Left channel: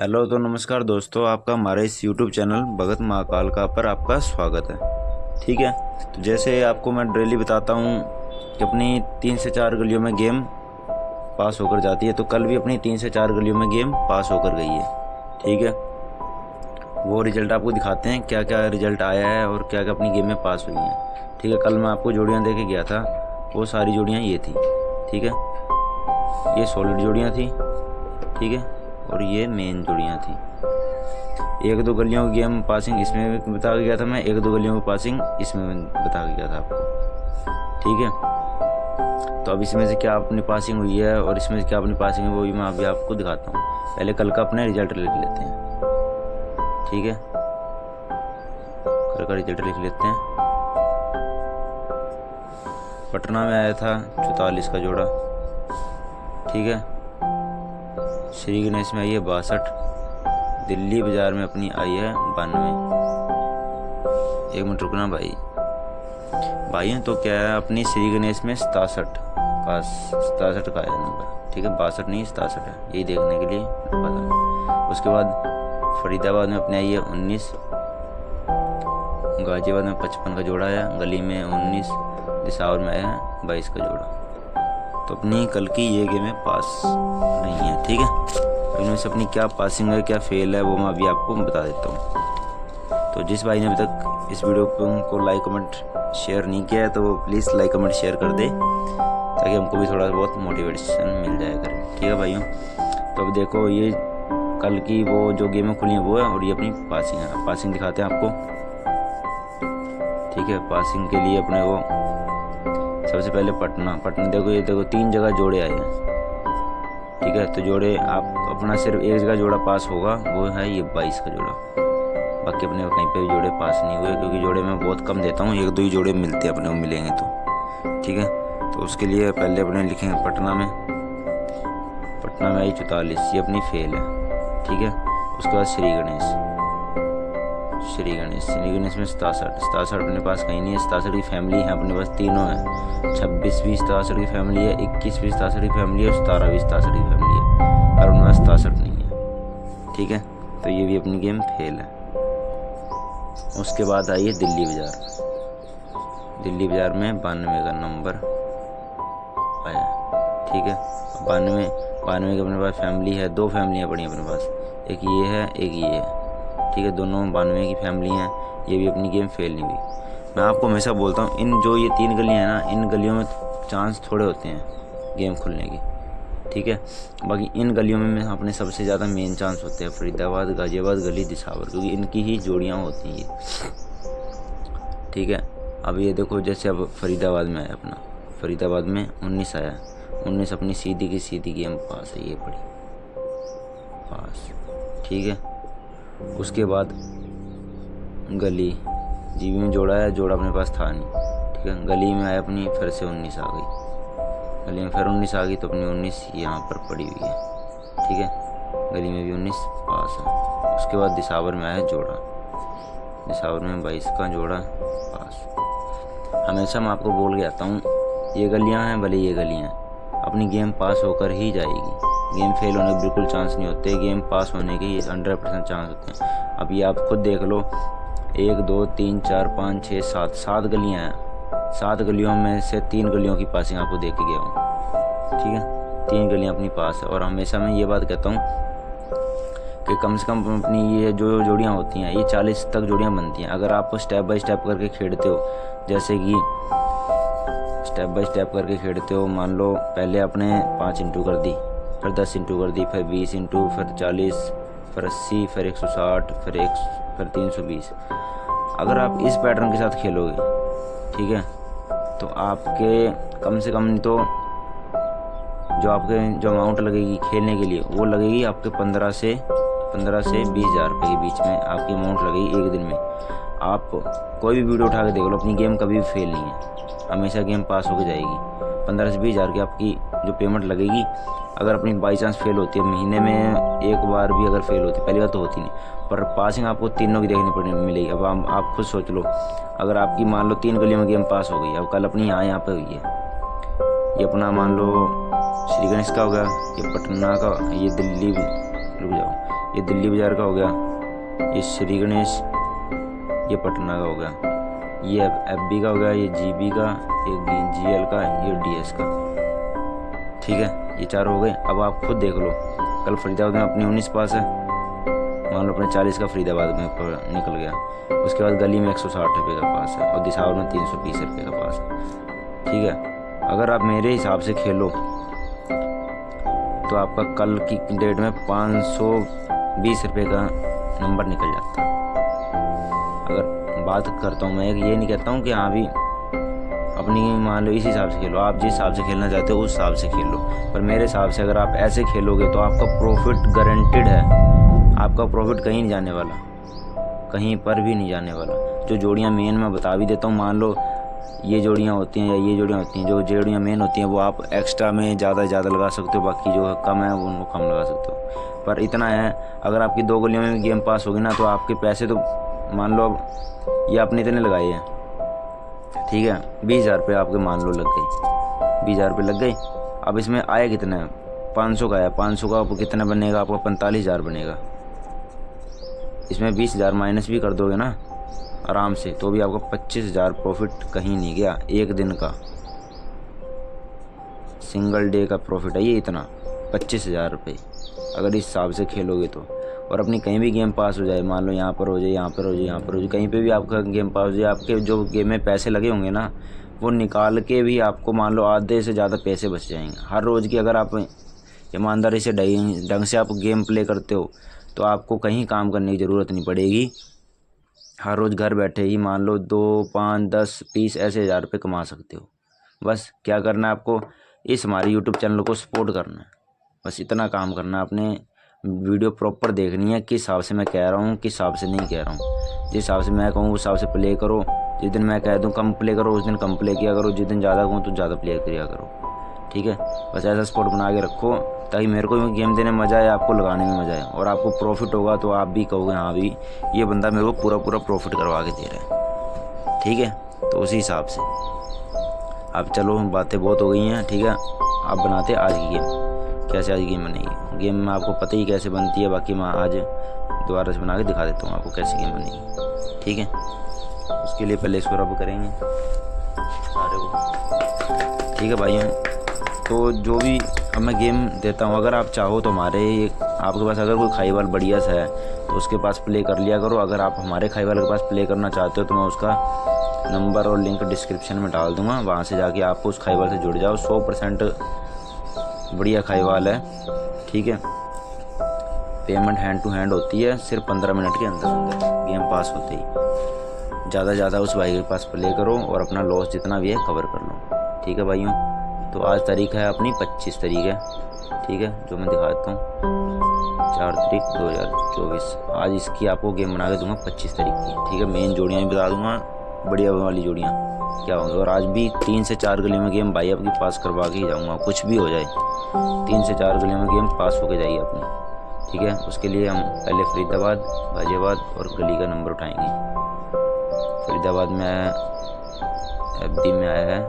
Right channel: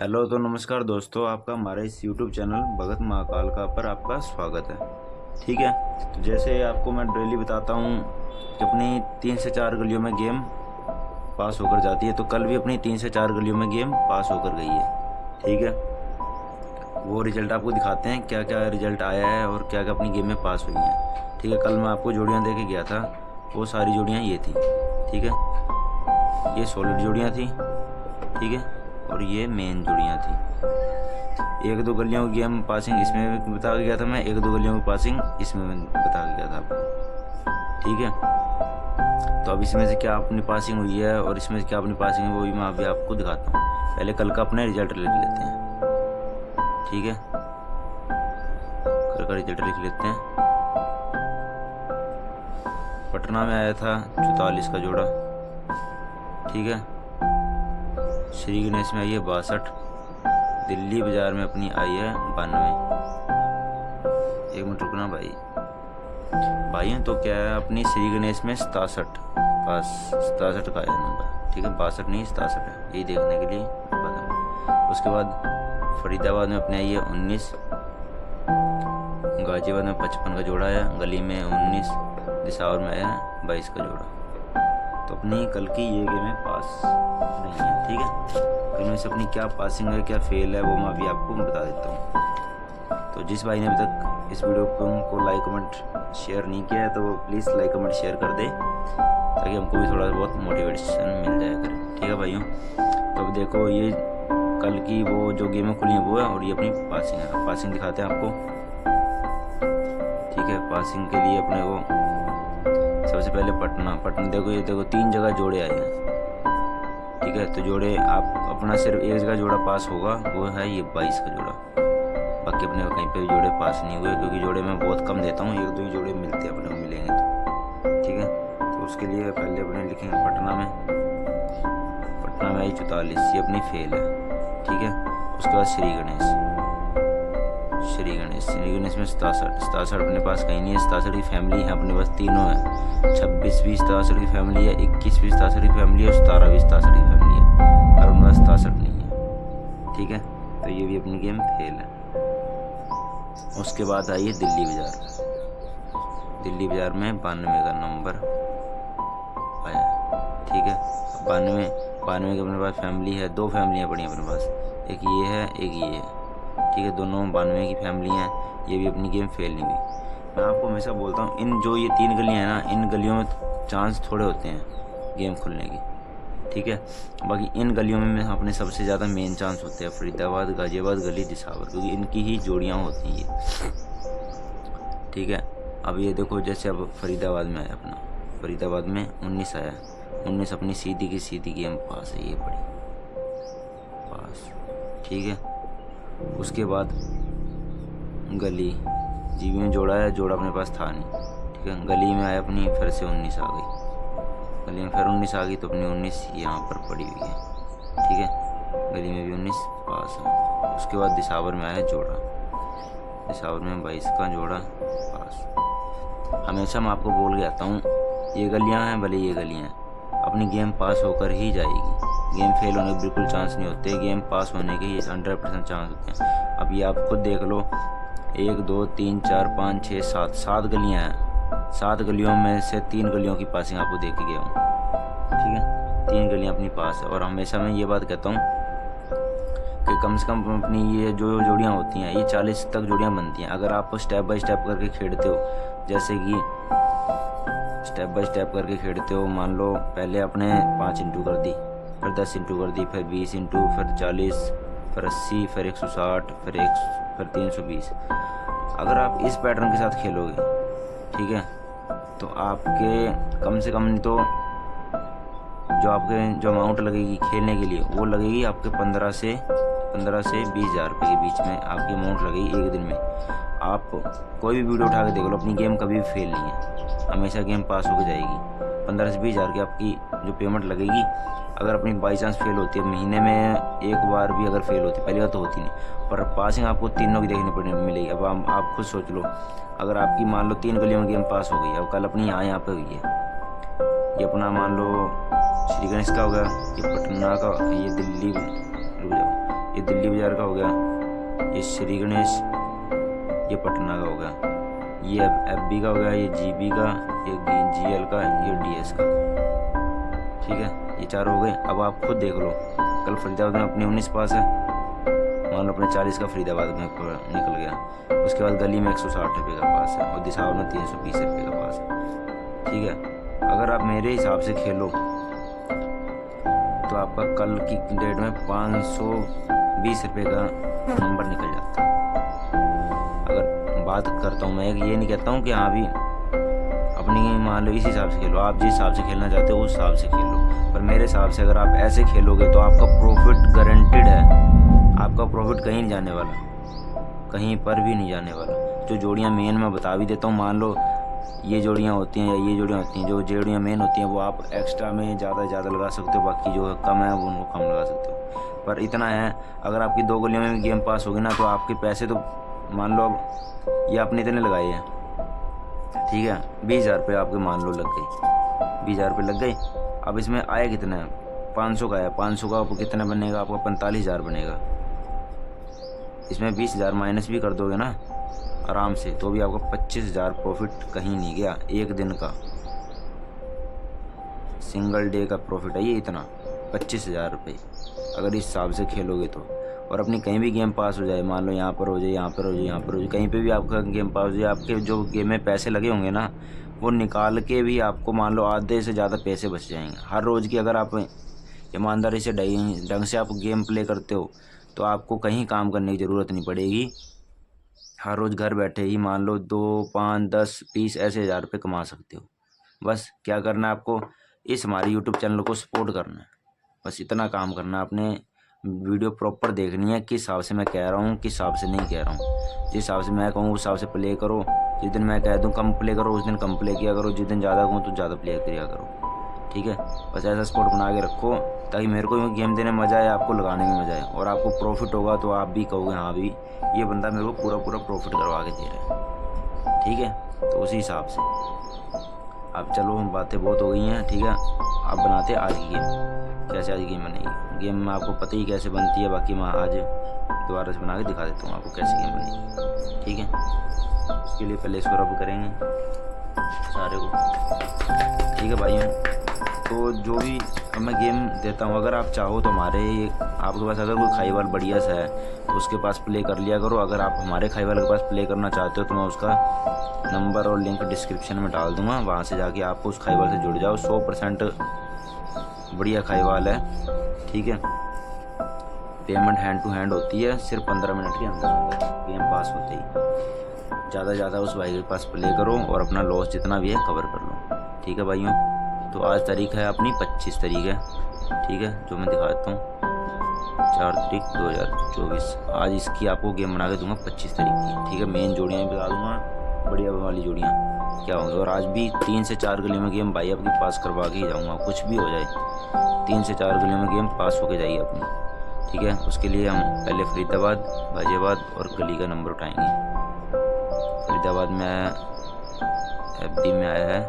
Hello तो नमस्कार दोस्तों, आपका हमारे इस यूट्यूब चैनल भगत महाकाल का पर आपका स्वागत है। ठीक है, तो जैसे आपको मैं डेली बताता हूँ कि अपनी 3 से 4 गलियों में गेम पास होकर जाती है, तो कल भी अपनी 3 से 4 गलियों में गेम पास होकर गई है। ठीक है, वो रिजल्ट आपको दिखाते हैं क्या क्या रिजल्ट आया है और क्या क्या अपनी गेम में पास हुई हैं। ठीक है, कल मैं आपको जोड़ियाँ दे के गया था, वो सारी जोड़ियाँ ये थी। ठीक है, ये सॉलिड जोड़ियाँ थी। ठीक है, और ये मेन जोड़ियाँ थी। एक दो गलियों की गेम पासिंग इसमें बता के गया था मैं, एक दो गलियों की पासिंग इसमें बता के गया था आपको। ठीक है, तो अब इसमें से क्या अपनी पासिंग हुई है और इसमें से क्या अपनी पासिंग है वो भी मैं अभी आपको दिखाता हूँ। पहले कल का अपने रिजल्ट लिख लेते हैं। ठीक है, कल का रिजल्ट लिख लेते हैं। पटना में आया था 44 का जोड़ा। ठीक है, श्री गणेश में आई है 62। दिल्ली बाजार में अपनी आई है 92। एक मिनट रुकना भाई हैं, तो क्या है अपनी श्री गणेश में 67 का है नंबर। ठीक है, 62 नहीं 67 है, यही देखने के लिए बता। उसके बाद फरीदाबाद में अपने आई है 19। गाजियाबाद में 55 का जोड़ा है, गली में 19, दिसावर में आया है 22 का जोड़ा। तो अपनी कल की ये गेमें पास नहीं है। ठीक है, तो इनमें से अपनी क्या पासिंग है क्या फेल है वो मैं अभी आपको बता देता हूँ। तो जिस भाई ने अभी तक इस वीडियो को लाइक कमेंट शेयर नहीं किया है तो वो प्लीज़ लाइक कमेंट शेयर कर दे, ताकि हमको भी थोड़ा बहुत मोटिवेशन मिल जाया करे। ठीक है भाइयों, तो अब देखो ये कल की वो जो गेमें खुली हैं वो है, और ये अपनी पासिंग है। पासिंग दिखाते हैं आपको। ठीक है, पासिंग के लिए अपने को सबसे पहले पटना देखो, ये देखो 3 जगह जोड़े आए हैं। ठीक है, तो जोड़े आप अपना सिर्फ एक जगह जोड़ा पास होगा, वो है ये 22 का जोड़ा। बाकी अपने कहीं पे भी जोड़े पास नहीं हुए, क्योंकि जोड़े मैं बहुत कम देता हूँ, एक दो ही जोड़े मिलते हैं अपने को मिलेंगे तो। ठीक है, तो उसके लिए पहले अपने लिखेंगे पटना में आई 44, ये अपनी फेल है। ठीक है, उसके बाद श्री गणेश में 67 अपने पास कहीं नहीं है। 67 की फैमिली है अपने पास, तीनों है। 26 भी 67 की फैमिली है, 21 भी 67 की फैमिली है, 17 भी 67 की फैमिली है, और उनमें 67 नहीं है। ठीक है, तो ये भी अपनी गेम फेल है। उसके बाद आई है दिल्ली बाजार में 92 का नंबर आया। ठीक है, 92 की अपने पास फैमिली है, 2 फैमिलियाँ पड़ी हैं अपने पास, एक ये है एक ये है। ठीक है, दोनों 92 की फैमिली हैं। ये भी अपनी गेम फेल नहीं हुई। मैं आपको हमेशा बोलता हूँ, इन जो ये 3 गलियाँ हैं ना, इन गलियों में चांस थोड़े होते हैं गेम खुलने की। ठीक है, बाकी इन गलियों में अपने सबसे ज़्यादा मेन चांस होते हैं फरीदाबाद, गाजियाबाद, गली, दिसावर, क्योंकि इनकी ही जोड़ियाँ होती हैं ये। ठीक है, अब ये देखो जैसे अब फरीदाबाद में आया अपना, फरीदाबाद में 19 आया। 19 अपनी सीधी की सीधी गेम पास है, ये पड़ी पास। ठीक है, उसके बाद गली जीबी में जोड़ा है, जोड़ा अपने पास था नहीं। ठीक है, गली में आया अपनी फिर से 19 आ गई, गली में फिर 19 आ गई, तो अपनी 19 यहाँ पर पड़ी हुई है। ठीक है, गली में भी 19 पास है। उसके बाद दिसावर में आया जोड़ा, दिसावर में 22 का जोड़ा पास। हमेशा मैं आपको बोल के आता हूँ, ये गलियाँ हैं भले ये गलियाँ हैं, अपनी गेम पास होकर ही जाएगी। गेम फेल होने के बिल्कुल चांस नहीं होते, गेम पास होने के 100% चांस होते हैं। अब ये आप खुद देख लो, 1 2 3 4 5 6 7 गलियाँ हैं। 7 गलियों में से 3 गलियों की पासिंग आपको दे के गया हूँ। ठीक है, 3 गलियाँ अपनी पास है। और हमेशा मैं ये बात कहता हूँ कि कम से कम अपनी ये जो जोड़ियाँ होती हैं, ये 40 तक जोड़ियाँ बनती हैं। अगर आप स्टेप बाय स्टेप करके खेलते हो, जैसे कि स्टेप बाय स्टेप करके खेलते हो, मान लो पहले आपने 5 इंटू कर दी, फिर 10 इंटू कर दी, फिर 20 इंटू, फिर 40, फिर 80, फिर 160, फिर 320। अगर आप इस पैटर्न के साथ खेलोगे, ठीक है, तो आपके कम से कम तो जो अमाउंट लगेगी खेलने के लिए, वो लगेगी आपके 15 से 20 हज़ार रुपये के बीच में आपकी अमाउंट लगेगी एक दिन में। आप कोई भी वीडियो उठा के देख लो, अपनी गेम कभी भी फेल नहीं है, हमेशा गेम पास होकर जाएगी। 15 से 20 हज़ार की आपकी जो पेमेंट लगेगी, अगर अपनी बाई चांस फेल होती है, महीने में एक बार भी अगर फेल होती है, पहली बार तो होती नहीं, पर पासिंग आपको तीनों की देखनी मिलेगी। अब आप खुद सोच लो, अगर आपकी मान लो 3 गलियों में गेम पास हो गई, अब कल अपनी यहाँ पे हुई है, ये अपना मान लो श्री गणेश का हो गया, ये पटना का, ये दिल्ली, रुक जाओ, ये दिल्ली बाज़ार का हो गया, ये श्री गणेश, ये पटना का हो गया, ये FB का हो गया, ये GB का, ये GL का, ये DS का। ठीक है, ये 4 हो गए। अब आप खुद देख लो, कल फरीदाबाद में अपनी 19 पास है, मान लो अपने 40 का फरीदाबाद में निकल गया। उसके बाद गली में 160 रुपये का पास है और दिसावर में 320 रुपये का पास है। ठीक है, अगर आप मेरे हिसाब से खेलो तो आपका कल की डेट में 520 रुपये का नंबर निकल जाता है। अगर बात करता हूँ मैं, ये नहीं कहता हूँ कि हाँ भी अपनी मान लो इस हिसाब से खेलो, आप जिस हिसाब से खेलना चाहते हो उस हिसाब से खेलो, पर मेरे हिसाब से अगर आप ऐसे खेलोगे तो आपका प्रॉफिट गारंटेड है। आपका प्रॉफिट कहीं नहीं जाने वाला, कहीं पर भी नहीं जाने वाला। जो जोड़ियाँ मेन मैं बता भी देता हूँ, मान लो ये जोड़ियाँ होती हैं या ये जोड़ियाँ होती हैं, जो जोड़ियाँ मेन होती हैं वो आप एक्स्ट्रा में ज़्यादा से ज़्यादा लगा सकते हो, बाकी जो कम है वो उनको कम लगा सकते हो। पर इतना है, अगर आपकी 2 गलियों में गेम पास होगी ना तो आपके पैसे तो मान लो अब ये आपने इतने लगाए हैं, ठीक है, 20,000 रुपये आपके मान लो लग गई, 20,000 रुपये लग गए। अब इसमें आया कितना है, 500 का है, 500 का आपको कितना बनेगा, आपका 45,000 बनेगा। इसमें 20,000 माइनस भी कर दोगे ना आराम से, तो भी आपका 25,000 प्रॉफिट कहीं नहीं गया। एक दिन का सिंगल डे का प्रॉफिट है ये, इतना 25,000 रुपये अगर इस हिसाब से खेलोगे तो। और अपनी कहीं भी गेम पास हो जाए, मान लो यहाँ पर हो जाए, यहाँ पर हो जाए, यहाँ पर हो जाए, कहीं पे भी आपका गेम पास हो जाए, आपके जो गेम में पैसे लगे होंगे ना वो निकाल के भी आपको मान लो आधे से ज़्यादा पैसे बच जाएंगे हर रोज़ की। अगर आप ईमानदारी से ढंग से आप गेम प्ले करते हो तो आपको कहीं काम करने की ज़रूरत नहीं पड़ेगी। हर रोज़ घर बैठे ही मान लो 2, 5, 10, 20 ऐसे 1,000 रुपये कमा सकते हो। बस क्या करना है आपको, इस हमारे यूट्यूब चैनल को सपोर्ट करना है, बस इतना काम करना है। आपने वीडियो प्रॉपर देखनी है, किस हिसाब से मैं कह रहा हूँ, किस हिसाब से नहीं कह रहा हूँ। जिस हिसाब से मैं कहूँ उस हिसाब से प्ले करो। जिस दिन मैं कह दूँ कम प्ले करो उस दिन कम प्ले किया करो, जिस दिन ज़्यादा कहूँ तो ज़्यादा प्ले किया करो। ठीक है, बस ऐसा सपोर्ट बना के रखो ताकि मेरे को गेम देने में मज़ा आए, आपको लगाने में मज़ा आए, और आपको प्रॉफिट होगा तो आप भी कहोगे हाँ भी ये बंदा मेरे को पूरा पूरा प्रॉफिट करवा के दे रहा है। ठीक है, तो उसी हिसाब से अब चलो, बातें बहुत हो गई हैं। ठीक है, आप बनाते आज की गेम, कैसे आज गेम बनेगी। गेम में आपको पता ही कैसे बनती है, बाकी मैं आज दोबारा से बना के दिखा देता हूँ आपको कैसे गेम बनेगी। ठीक है, उसके लिए पहले इसको रब करेंगे सारे को। ठीक है भाइयों, तो जो भी अब मैं गेम देता हूँ, अगर आप चाहो तो हमारे आपके पास अगर कोई खाईवाल बढ़िया सा है तो उसके पास प्ले कर लिया करो। अगर आप हमारे खाईवाल के पास प्ले करना चाहते हो तो मैं उसका नंबर और लिंक डिस्क्रिप्शन में डाल दूँगा, वहाँ से जाके आपको उस खाईवाल से जुड़ जाओ। 100% बढ़िया खाईवाल है। ठीक है, पेमेंट हैंड टू हैंड होती है, सिर्फ 15 मिनट के अंदर अंदर गेम पास होते ही। ज़्यादा से ज़्यादा उस भाई के पास प्ले करो और अपना लॉस जितना भी है कवर कर लो। ठीक है भाइयों, तो आज तारीख है अपनी 25 तारीख है। ठीक है, जो मैं दिखा देता हूँ 4 तारीख 2024। आज इसकी आपको गेम बना के दूंगा 25 तारीख की। ठीक है, मेन जोड़ियाँ भी बता दूंगा, बढ़िया वाली जोड़ियाँ क्या होंगी। और आज भी 3 से 4 गली में गेम भाई आपकी पास करवा के ही जाऊँगा, कुछ भी हो जाए 3 से 4 गलियों में गेम पास होके जाइए अपनी। ठीक है, उसके लिए हम पहले फरीदाबाद, गाजियाबाद और गली का नंबर उठाएंगे। फरीदाबाद में आया, FB में आया है,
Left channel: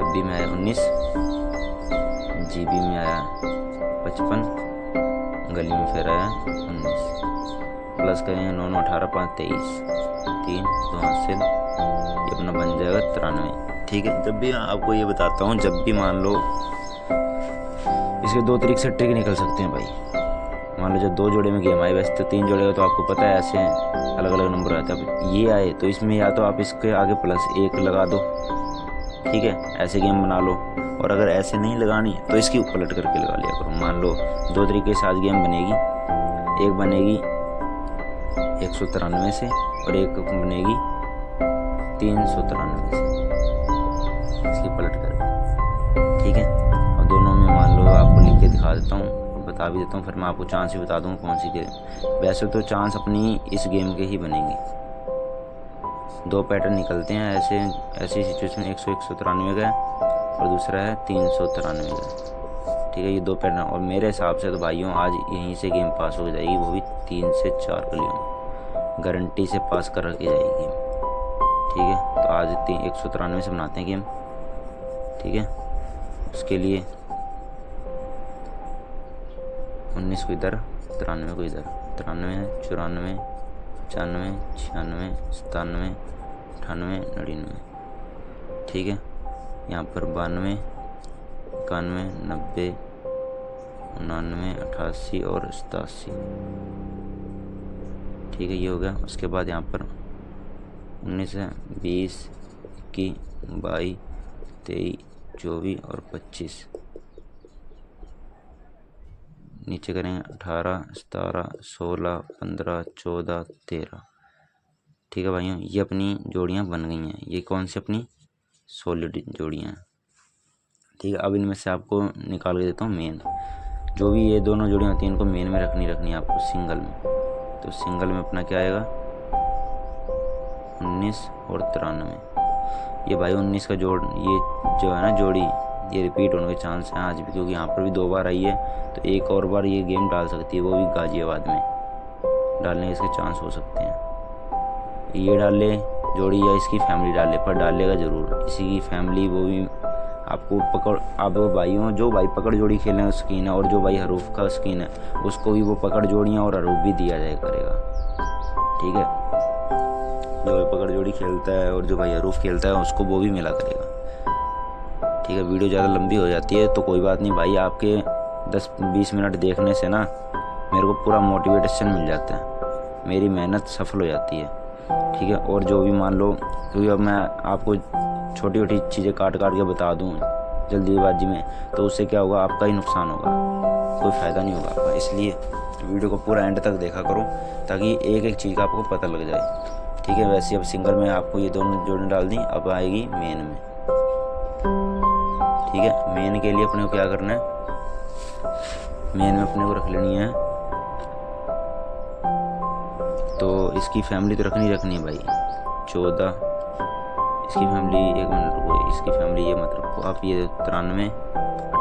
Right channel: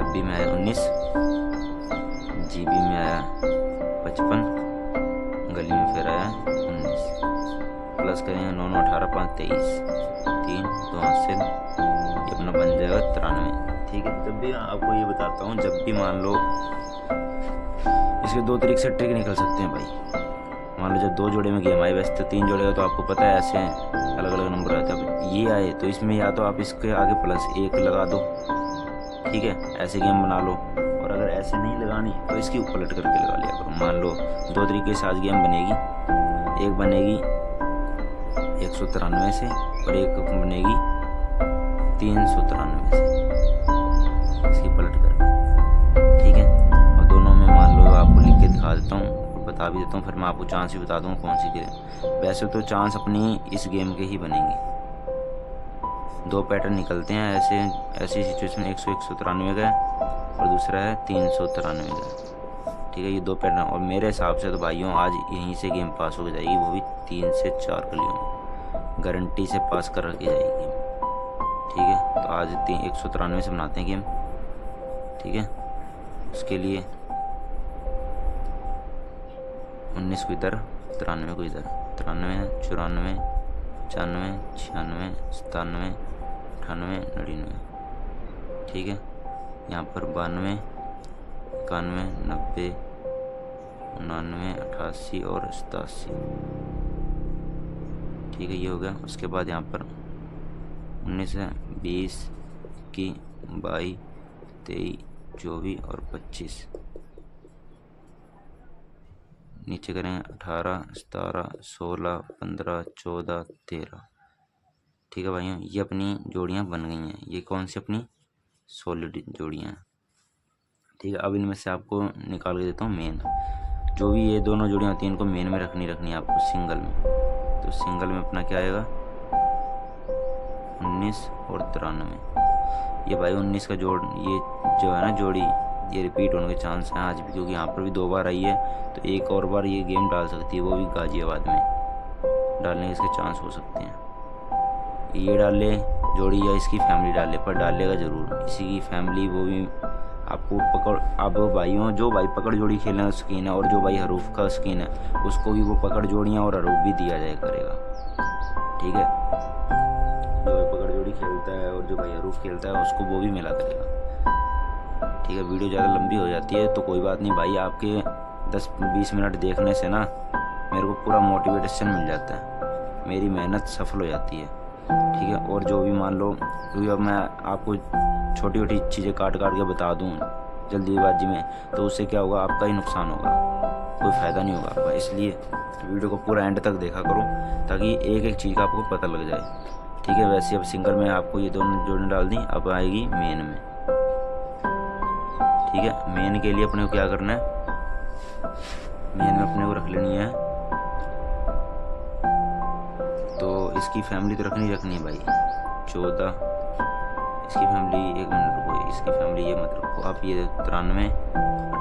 FB में आया 19, GB में आया 55, गली में फिर आया 19, प्लस करेंगे 9, 9, 18, 5, 23, 3, 2 हासिल, ये अपना बन जाएगा 93। ठीक है, जब भी आपको ये बताता हूँ, जब भी मान लो इसके 2 तरीके से ट्रिक निकल सकते हैं भाई। मान लो जब 2 जोड़े में गेम आए, वैसे तो 3 जोड़े हो तो आपको पता है ऐसे अलग अलग नंबर आता है। ये आए तो इसमें या तो आप इसके आगे +1 लगा दो, ठीक है, ऐसे गेम बना लो। और अगर ऐसे नहीं लगानी तो इसकी पलट करके लगा लिया करो। मान लो 2 तरीके से आज गेम बनेगी, एक बनेगी 193 से और एक बनेगी 393 से, इसकी पलट करके। ठीक है, और दोनों में मान लो आपको लिख के दिखा देता हूँ, बता भी देता हूँ, फिर मैं आपको चांस भी बता दूँगा कौन सी गेम। वैसे तो चांस अपनी इस गेम के ही बनेंगे। 2 पैटर्न निकलते हैं ऐसी सिचुएशन, 193 का और दूसरा है 393 का। ठीक है, ये 2 पैटर्न। और मेरे हिसाब से तो भाइयों आज यहीं से गेम पास हो जाएगी, वो भी 3 से 4 गलियों में गारंटी से पास कर के जाएगी। ठीक है, तो आज 193 से बनाते हैं गेम। ठीक है, उसके लिए 19 को इधर, 93 को इधर, 93, 94, 95, 96, 97, 98, 99। ठीक है, यहाँ पर 92, 91, 90, 99, 88 और 87। ठीक है, ये हो गया। उसके बाद यहाँ पर 19 है, 20, 21, 22, 23, 24 और 25। नीचे करें 18, 17, 16, 15, 14, 13। ठीक है भाइयों, ये अपनी जोड़ियाँ बन गई हैं। ये कौन सी अपनी सॉलिड जोड़ियाँ हैं। ठीक है, अब इनमें से आपको निकाल के देता हूँ मेन। जो भी ये दोनों जोड़ियाँ होती हैं इनको मेन में रखनी है आपको सिंगल में। तो सिंगल में अपना क्या आएगा, 19 और 93। ये भाई 19 का जोड़, ये जो है ना जोड़ी, ये रिपीट होने के चांस हैं आज भी, क्योंकि यहाँ पर भी 2 बार आई है। तो एक और बार ये गेम डाल सकती है, वो भी गाजियाबाद में डालने के इसके चांस हो सकते हैं। ये डाल ले जोड़ी या इसकी फैमिली डाल ले, पर डालेगा ज़रूर इसी की फैमिली। वो भी आपको पकड़, आप भाइयों जो भाई पकड़ जोड़ी खेलने का शौकीन है और जो भाई हरूफ का शौकीन है, उसको भी वो पकड़ जोड़ियाँ और हरूफ भी दिया जाए करेगा। ठीक है, जो भाई पकड़ जोड़ी खेलता है और जो भाई हरूफ खेलता है उसको वो भी मिला करेगा। ठीक है, वीडियो ज़्यादा लंबी हो जाती है तो कोई बात नहीं भाई, आपके 10-20 मिनट देखने से ना मेरे को पूरा मोटिवेशन मिल जाता है, मेरी मेहनत सफल हो जाती है। ठीक है, और जो भी मान लो, क्योंकि अब मैं आपको छोटी छोटी चीज़ें काट के बता दूँ जल्दीबाजी में, तो उससे क्या होगा, आपका ही नुकसान होगा, कोई फ़ायदा नहीं होगा आपका। इसलिए वीडियो को पूरा एंड तक देखा करो ताकि एक एक चीज़ का आपको पता लग जाए। ठीक है, वैसे अब सिंगल में आपको ये दोनों जोड़ें डाल दी, अब आएगी मेन में। ठीक है, मेन के लिए अपने को क्या करना है, मेन में अपने को रख लेनी है, तो इसकी फैमिली तो रखनी है भाई 14। इसकी फैमिली, एक मिनट रुको, इसकी फैमिली ये मत रखो आप, ये 93,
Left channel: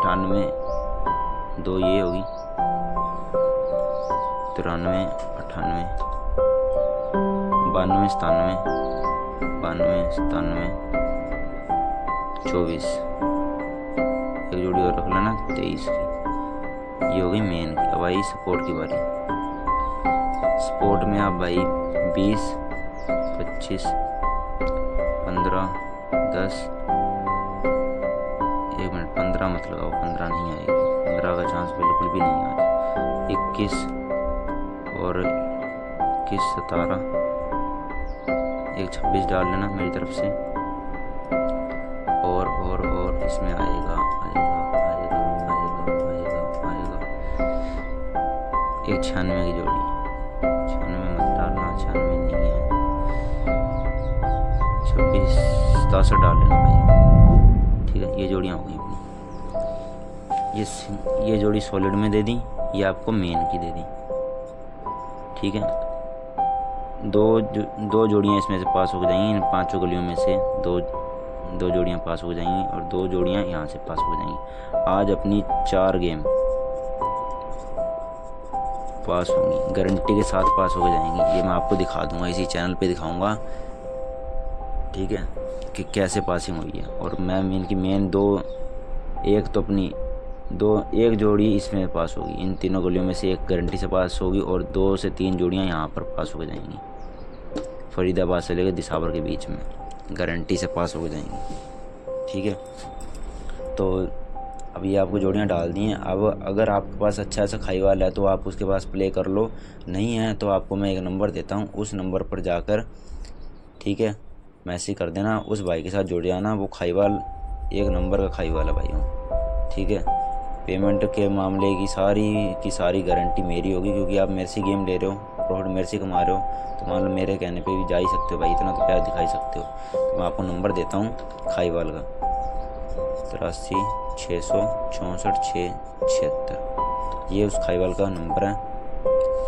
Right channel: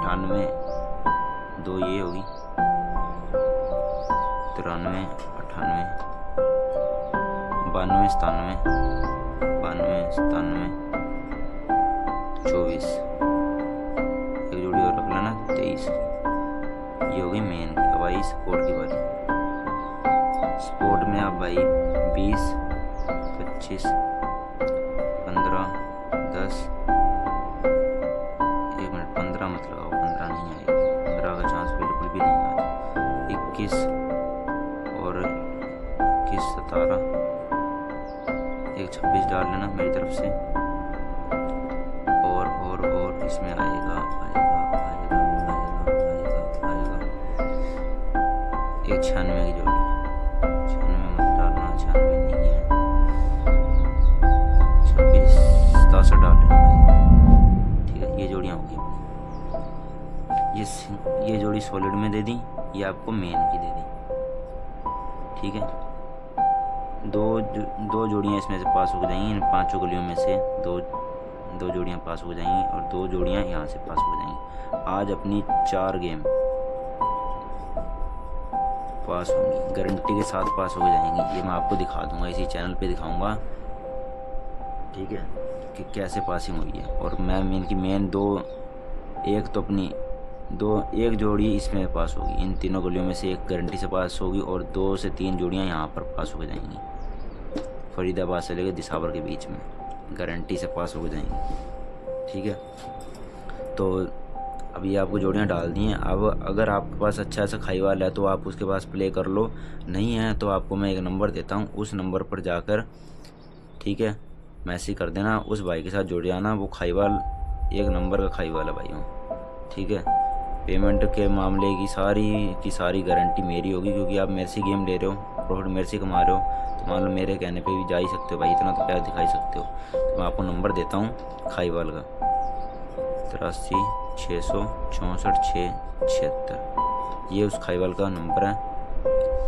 98, 2 ये होगी, 93, 98, 92, 97, 24। एक जोड़ी और रख लेना 23 की। ये होगी मेन की। अब आई सपोर्ट की बारी। सपोर्ट में आप भाई 20, 25, 15, 10, 1 मिनट, 15 मत लगाओ, 15 नहीं आएगा, 15 का चांस बिल्कुल भी नहीं है आज। 21 और 21, 17, एक 26 डाल लेना मेरी तरफ से, और इसमें आएगा एक 96 की जोड़ी। 96 मत डालना, 96 नहीं है, 26, 67 डाल लेना भाई। ठीक है, ये जोड़ियाँ होंगी अपनी। ये जोड़ी सॉलिड में दे दी, ये आपको मेन की दे दी। ठीक है, दो जोड़ियाँ इसमें से पास हो जाएंगी, इन 5 गलियों में से दो जोड़ियाँ पास हो जाएंगी और 2 जोड़ियाँ यहाँ से पास हो जाएंगी। आज अपनी 4 गेम पास होंगी, गारंटी के साथ पास हो जाएंगी। ये मैं आपको दिखा दूंगा, इसी चैनल पे दिखाऊंगा। ठीक है, कि कैसे पासिंग हुई है। और मैं इनकी मेन 2, एक तो अपनी एक जोड़ी इसमें पास होगी, इन तीनों गलियों में से एक गारंटी से पास होगी, और 2 से 3 जोड़ियाँ यहाँ पर पास हो जाएंगी, फरीदाबाद से लेकर दिसावर के बीच में गारंटी से पास हो जाएंगी। ठीक है, तो अब ये आपको जोड़ियाँ डाल दी हैं। अब अगर आपके पास अच्छा सा खाईवाल है तो आप उसके पास प्ले कर लो, नहीं है तो आपको मैं एक नंबर देता हूँ, उस नंबर पर जाकर, ठीक है, मैसेज कर देना, उस भाई के साथ जुड़ जाना। वो खाईवाल एक नंबर का खाईवाल है भाइयों। ठीक है, पेमेंट के मामले की सारी गारंटी मेरी होगी, क्योंकि आप मेरे से गेम ले रहे हो, प्रॉफिट मेरे से कमा रहे हो, तो मान लो मेरे कहने पे भी जा ही सकते हो भाई, इतना तो प्यार दिखा ही सकते हो। तो मैं आपको नंबर देता हूँ खाईवाल का 83 664 676। ये उस खाईवाल का नंबर है,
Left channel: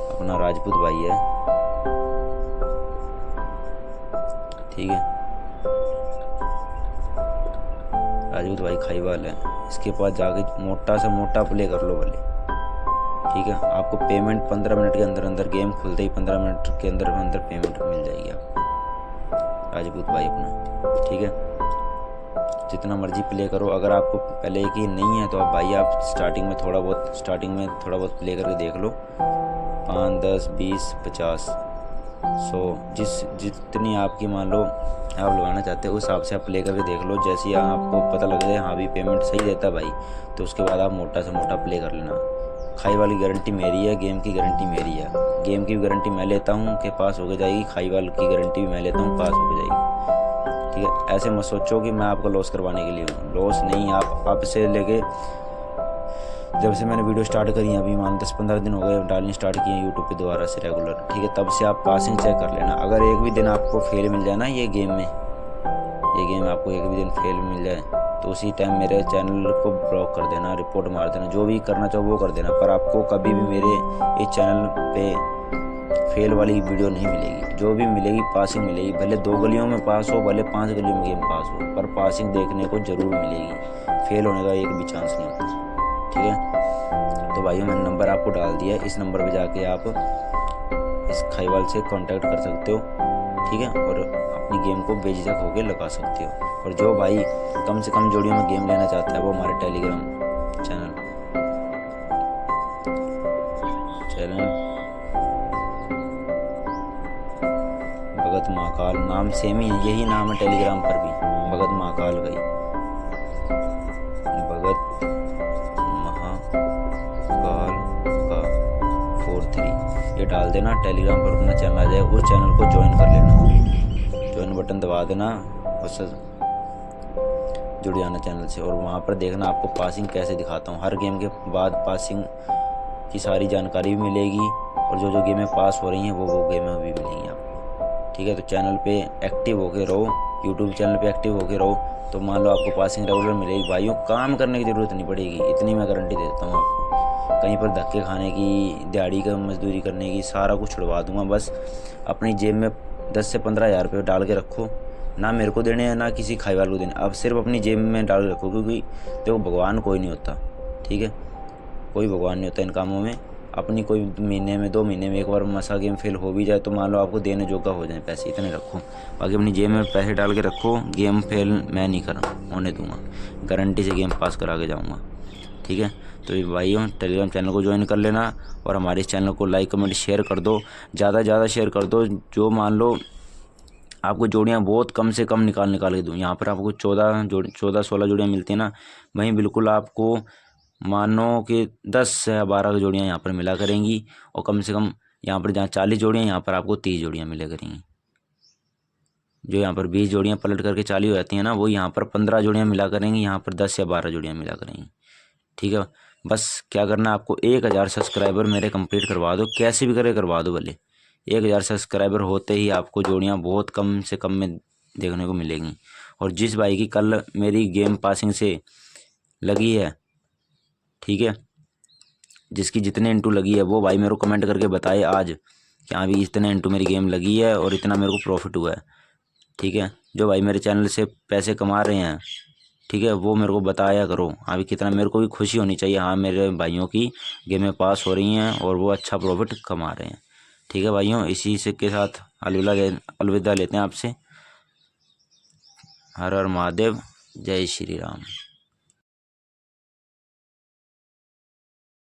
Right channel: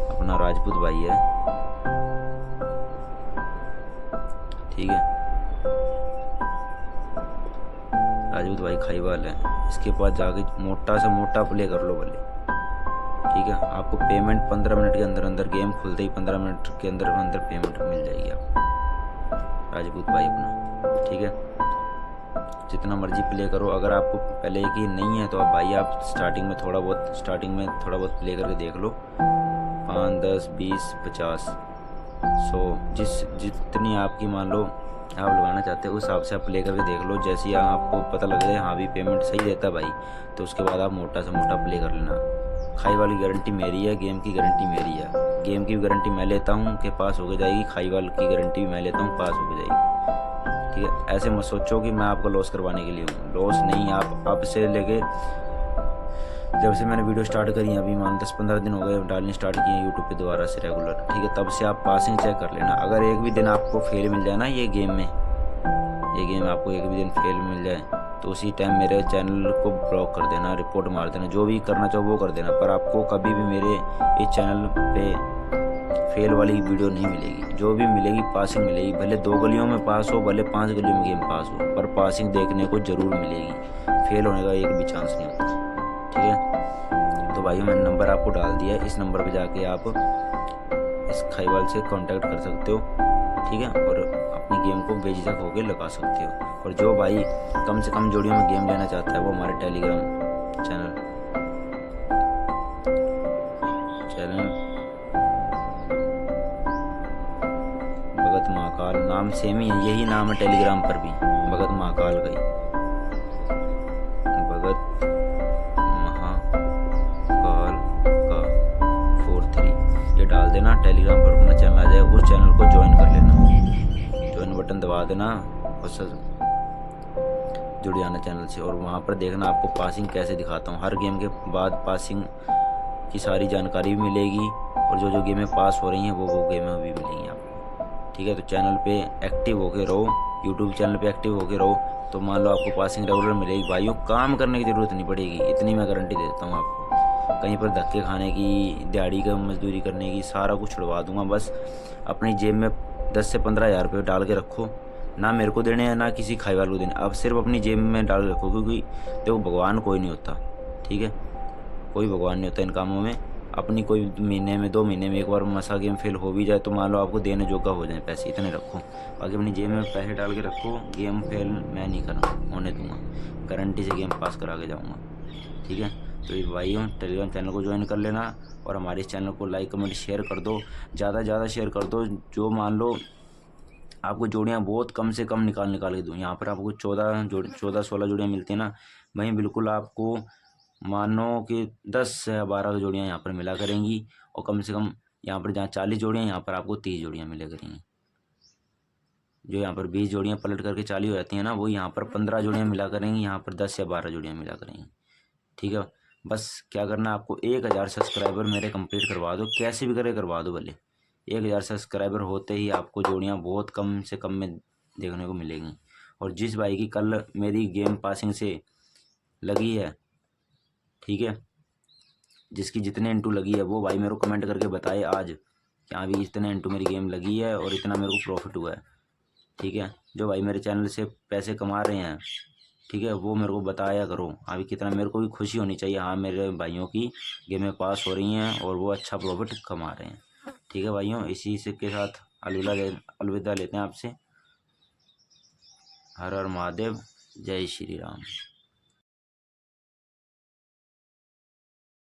अपना राजपूत भाई है। ठीक है, राजपूत भाई खाईवाल है, इसके पास जाके मोटा से मोटा प्ले कर लो भले। ठीक है, आपको पेमेंट 15 मिनट के अंदर अंदर, गेम खुलते ही 15 मिनट के अंदर अंदर पेमेंट मिल जाएगी आपको, राजपूत भाई अपना। ठीक है, जितना मर्जी प्ले करो। अगर आपको पहले यकीन नहीं है तो आप भाई आप स्टार्टिंग में थोड़ा बहुत प्ले करके देख लो। 5, 10, 20, 50, 100 जितनी आपकी मान लो आप लगाना चाहते हो उस हिसाब से आप प्ले करके देख लो। जैसे ही आपको पता लग जाए हाँ भी पेमेंट सही देता है भाई, तो उसके बाद आप मोटा से मोटा प्ले कर लेना। खाई वाली गारंटी मेरी है, गेम की गारंटी मेरी है। गेम की भी गारंटी मैं लेता हूँ कि पास होके जाएगी, खाई वाली की गारंटी भी मैं लेता हूँ, पास होके जाएगी। ठीक है, ऐसे मत सोचो कि मैं आपको लॉस करवाने के लिए हूँ। लॉस नहीं, आप अब से लेके जब से मैंने वीडियो स्टार्ट करी है, अभी मान 10-15 दिन हो गए डालनी स्टार्ट किए हैं यूट्यूब पे दोबारा से रेगुलर। ठीक है, तब से आप पासिंग चेक कर लेना। अगर एक भी दिन आपको फेल मिल जाए ना ये गेम में आपको एक भी दिन फेल मिल जाए तो उसी टाइम मेरे चैनल को ब्लॉक कर देना, रिपोर्ट मार देना, जो भी करना चाहो वो कर देना। पर आपको कभी भी मेरे इस चैनल पे फेल वाली वीडियो नहीं मिलेगी। जो भी मिलेगी पासिंग मिलेगी, भले 2 गलियों में पास हो, भले 5 गलियों में गेम पास हो, पर पासिंग देखने को ज़रूर मिलेगी। फेल होने का एक भी चांस नहीं होता। ठीक है, तो भाइयों मैंने नंबर आपको डाल दिया है, इस नंबर पे जाके आप इस खाईवाल से कांटेक्ट कर सकते हो। ठीक है, और अपनी गेम को बेझिझक होकर लगा सकते हो। और जो भाई कम से कम जोड़ियों में गेम लेना चाहता है वो हमारे टेलीग्राम चैनल भगत महाकाल, नाम सेम ही है, यही नाम है टेलीग्राम पर भी, भगत महाकाल गई, भगत महाकाल का 43 ये डाल देना। टेलीग्राम पर अपना चैनल आ जाए, उस चैनल को ज्वाइन कर लेना, ज्वाइन बटन दबा देना और सर जुड़ जाना चैनल से। और वहाँ पर देखना आपको पासिंग कैसे दिखाता हूँ। हर गेम के बाद पासिंग की सारी जानकारी भी मिलेगी, और जो गेमें पास हो रही हैं वो गेमें भी मिलेंगी आपको। ठीक है, तो चैनल पे एक्टिव होके रहो, यूट्यूब चैनल पे एक्टिव होके रहो, तो मान लो आपको पासिंग रेगुलर मिलेगी। भाइयों काम करने की ज़रूरत नहीं पड़ेगी, इतनी मैं गारंटी देता हूँ आपको। कहीं पर धक्के खाने की, दिहाड़ी का मजदूरी करने की, सारा कुछ छुड़वा दूंगा। बस अपनी जेब में 10 से 15 हज़ार रुपये डाल के रखो, ना मेरे को देने हैं ना किसी खाई वाले को देने, अब सिर्फ अपनी जेब में डाल के रखो। क्योंकि देखो भगवान कोई नहीं होता, ठीक है, कोई भगवान नहीं होता इन कामों में। अपनी कोई महीने में 2 महीने में एक बार मसा गेम फेल हो भी जाए तो मान लो आपको देने जोगा हो जाए पैसे, इतने रखो। बाकी अपनी जेब में पैसे डाल के रखो। गेम फेल मैं नहीं होने दूंगा, गारंटी से गेम पास करा के जाऊँगा। ठीक है, तो ये भाइयों टेलीग्राम चैनल को ज्वाइन कर लेना, और हमारे इस चैनल को लाइक कमेंट शेयर कर दो, ज़्यादा शेयर कर दो। जो मान लो आपको जोड़ियाँ बहुत कम से कम निकाल के दूँ, यहाँ पर आपको 14-16 जोड़ियाँ मिलती हैं ना, वहीं बिल्कुल आपको मानो कि 10 या 12 जोड़ियाँ यहाँ पर मिला करेंगी। और कम से कम यहाँ पर जहाँ 40 जोड़ियाँ, यहाँ पर आपको 30 जोड़ियाँ मिला करेंगी। जो यहाँ पर 20 जोड़ियाँ पलट करके 40 हो जाती हैं ना, वो यहाँ पर 15 जोड़ियाँ मिला करेंगी, यहाँ पर 10 या 12 जोड़ियाँ मिला करेंगी। ठीक है, बस क्या करना है आपको, 1000 सब्सक्राइबर मेरे कंप्लीट करवा दो, कैसे भी करे करवा दो भले। 1000 सब्सक्राइबर होते ही आपको जोड़ियाँ बहुत कम से कम में देखने को मिलेंगी। और जिस भाई की कल मेरी गेम पासिंग से लगी है, ठीक है, जिसकी जितने इंटू लगी है वो भाई मेरे को कमेंट करके बताए आज कि हाँ भी इतने इंटू मेरी गेम लगी है और इतना मेरे को प्रॉफिट हुआ है। ठीक है, जो भाई मेरे चैनल से पैसे कमा रहे हैं, ठीक है, वो मेरे को बताया करो। हाँ भी कितना मेरे को भी खुशी होनी चाहिए, हाँ मेरे भाइयों की गेमें पास हो रही हैं और वो अच्छा प्रॉफिट कमा रहे हैं। ठीक है भाइयों, इसी से के साथ अलविदा लेते हैं आपसे। हर हर महादेव, जय श्री राम।